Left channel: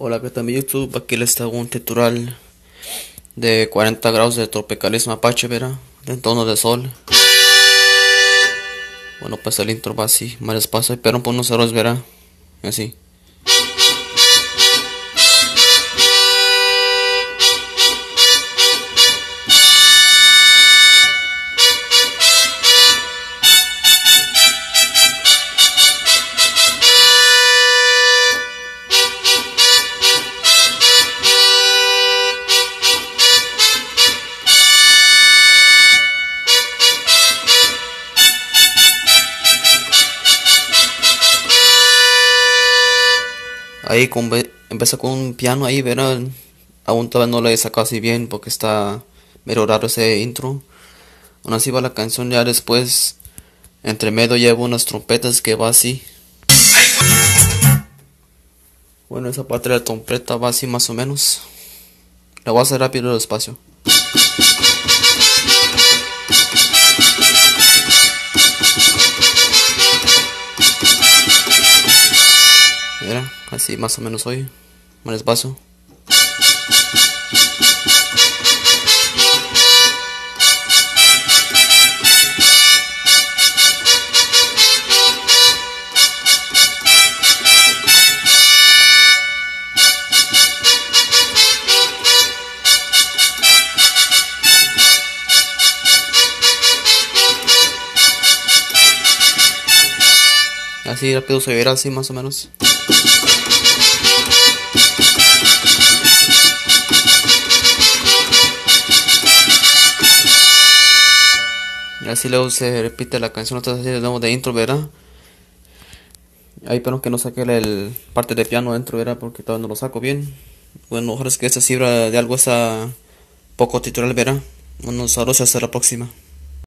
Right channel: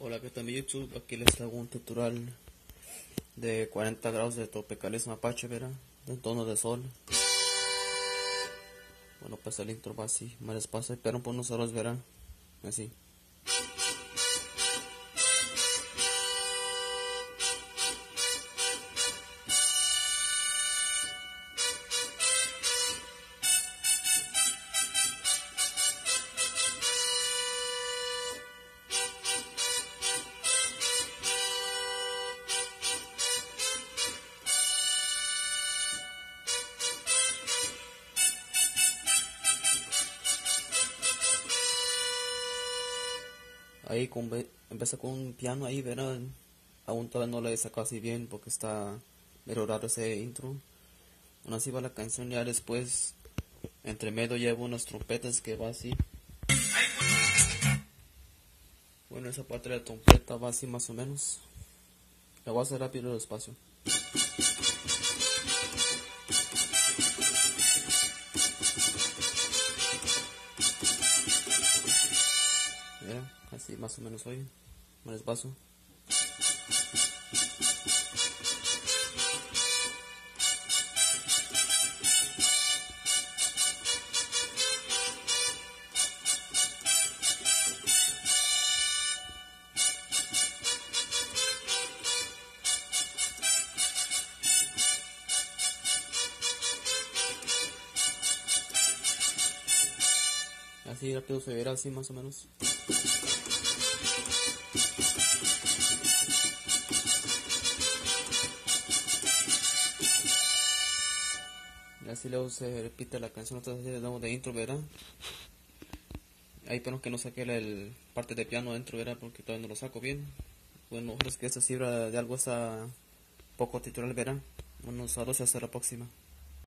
Hola, ¿qué tal mi YouTube? Aquí les traigo un tutorial de 40 grados de tropicalismo Apache, verá, de tono de sol. Bueno, pues el intro va así, más despacio, pero por unos errores, verá, así. Ahí empieza con un piano ahí, verá, aún todavía no lo he sacado así bien porque está medio raro ese intro. Aún así va la canción, ya después, entre medio llevo unas trompetas que va así. Bueno, esa parte de la trompeta va así más o menos. La voy a hacer rápido y despacio. Mira, así más o menos hoy, más despacio. Así rápido se verá así más o menos. Y así luego se repite la canción otra vez así de nuevo de intro, ¿verdad? Ahí pero que no saque el parte de piano dentro, ¿verdad? Porque todavía no lo saco bien. Bueno, ojalá es que esta cifra de algo esa poco tutorial, ¿verdad? Bueno, saludos hasta la próxima.